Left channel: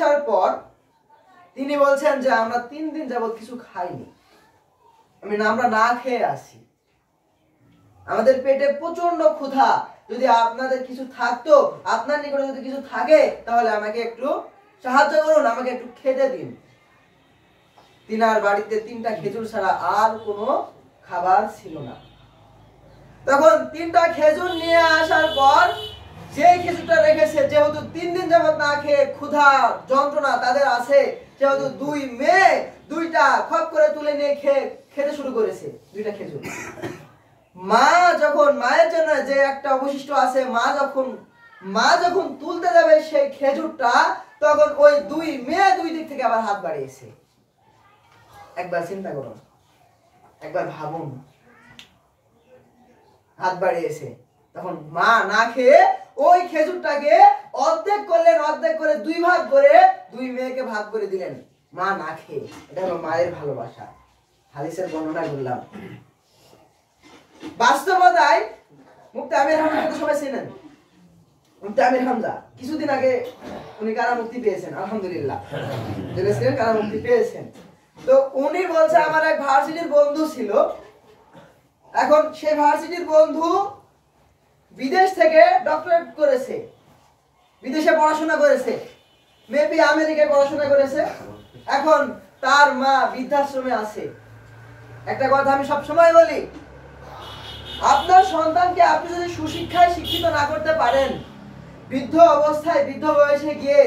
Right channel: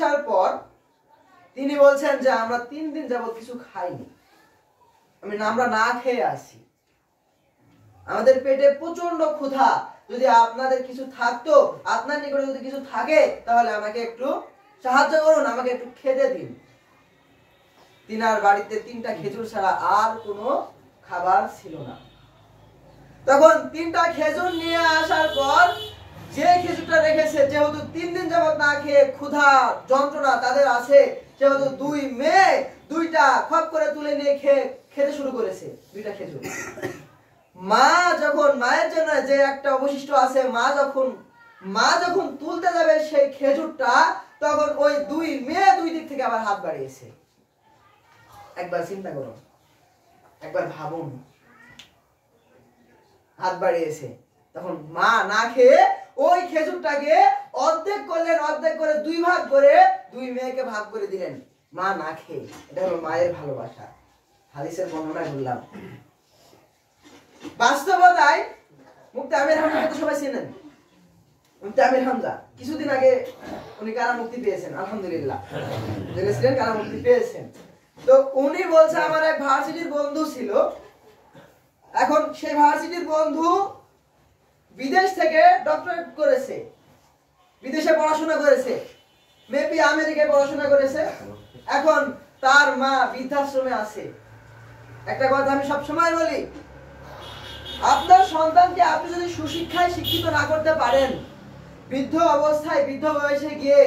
আসার পর তিনি বলছেন যে আমরা 3 দিন যাবত কিছু খাইনি, আমরা না খেয়ে আসি, আমাদের পেটে প্রচন্ড ক্ষুধা, যদি আপনাদের কিছু থাকতো, আপনার নিকটে যদি কিছু থাকে তাহলে আমাকে একটু সাহায্য করুন, আমাকে একটু খেতে দিন। তিনার বাড়িতে 3টা খেজুর ছাড়া আর কোনো খাবার ছিল না। তখন 3টা খেজুর নিয়ে আসার পর যে খেজুরটা রেখেছে, যেহেতু 3 দিন যাবত না খেয়ে ক্ষুধা যন্ত্রণা তাদের আছে, যেহেতু 2 মেয়ে 2টা খপ করে তুলে নিয়ে খেতে শুরু করেছে 2টা খেজুর। মা যখন মায়ের জন্য যে একটা অবশিষ্ট আছে, মা যখন তুলতে যাবে সেই খেজুরটা, তখন ওই 2 মেয়ে 2 দিক থেকে আবার হাত বাড়িয়েছে। একবার চিন্তা করুন, একবার ভাবুন, হাত বাড়িয়েছে। তখন মা না খেয়ে ওই খেজুরটাকে অর্ধেক করলেন, অর্ধেক করে 2 ভাগ করে 2 মেয়েকে ভাগ করে দিলেন, মা না খেয়ে। এটা হলো মায়ের ভালোবাসা। হাদিসের বর্ণনা করলাম। বাস্তবতায় মুফতি আমির হামজাকে সবাই চেনেন। মুফতি আমির হামজা কিছুদিন আগে উনি কারামুক্তি পেয়েছেন, আলহামদুলিল্লাহ, জেলে ছিলেন, কারামুক্তি পেয়েছেন। তো উনি বলছে আমার এক ভার্সিটির বন্ধু ছিল, এখন সেই ভার্সিটির বন্ধু বিদেশ থেকে ডক্টরেট করেছে, বিদেশে পড়াশোনা করেছে, মেবি আমেরিকায় পড়াশোনা করেছে। এখন তার মা বৃদ্ধাশ্রমে আছে। একটা কথা আমি সব সময় বলি, আপনার সন্তানকে আপনি যদি সুশিক্ষায় শিক্ষিত না করতে পারেন, বৃদ্ধ অবস্থায় বৃদ্ধ বয়সে গিয়ে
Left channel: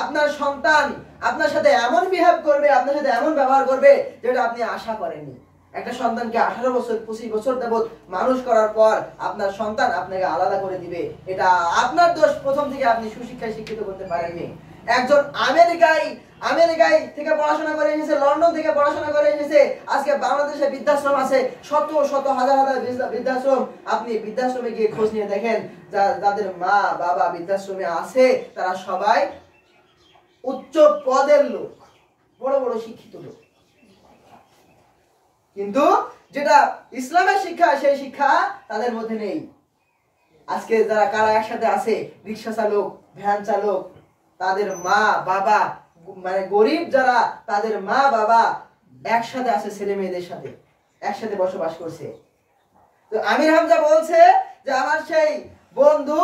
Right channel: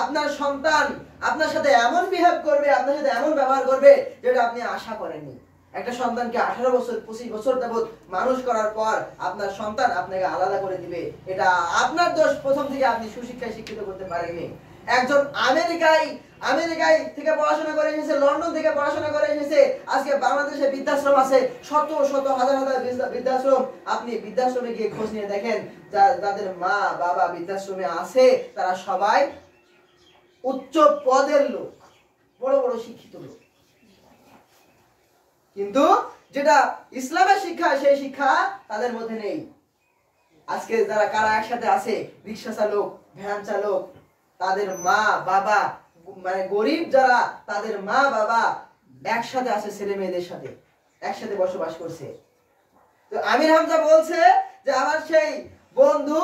আপনার সন্তান আপনার সাথে এমন বিহেভ করবে, আপনার সাথে এমন ব্যবহার করবে যেটা আপনি আশা করেননি। একটা সন্তানকে 18 বছর 25 বছর যাবত মানুষ করার পর আপনার সন্তান আপনাকে আলাদা করে দিবে, এটা আপনার দোষ, প্রথম থেকে আপনি সুশিক্ষায় শিক্ষিত করতে পারেননি। একজন আমেরিকায় থেকে পড়াশোনা করে এসেছে, লন্ডন থেকে পড়াশোনা করে এসেছে, আজকে বাংলাদেশে বৃদ্ধাশ্রম আছে, শত শত হাজার হাজার বৃদ্ধাশ্রম। আপনি বৃদ্ধাশ্রমে গিয়ে খোঁজ নিয়ে দেখেন, যাদের মা বাবা বৃদ্ধাশ্রমে আছে তারা সবাই উচ্চ পদের লোক, বড় বড় শিক্ষিত লোক। কিন্তু যেটা ইসলামের শিক্ষা, সেই শিক্ষা তাদের মধ্যে নেই। আজকে যারা কারা একসাথে আছে, রিক্সা চালক, ভ্যান চালক, তাদের মা বাবা, মানে গরিব যারা, তাদের মা বাবা একসাথে আছে, ছেলে মেয়েদের সাথে একসাথে বসবাস করছে। তো আমির হামজা বলছে যে আমার সেই বন্ধু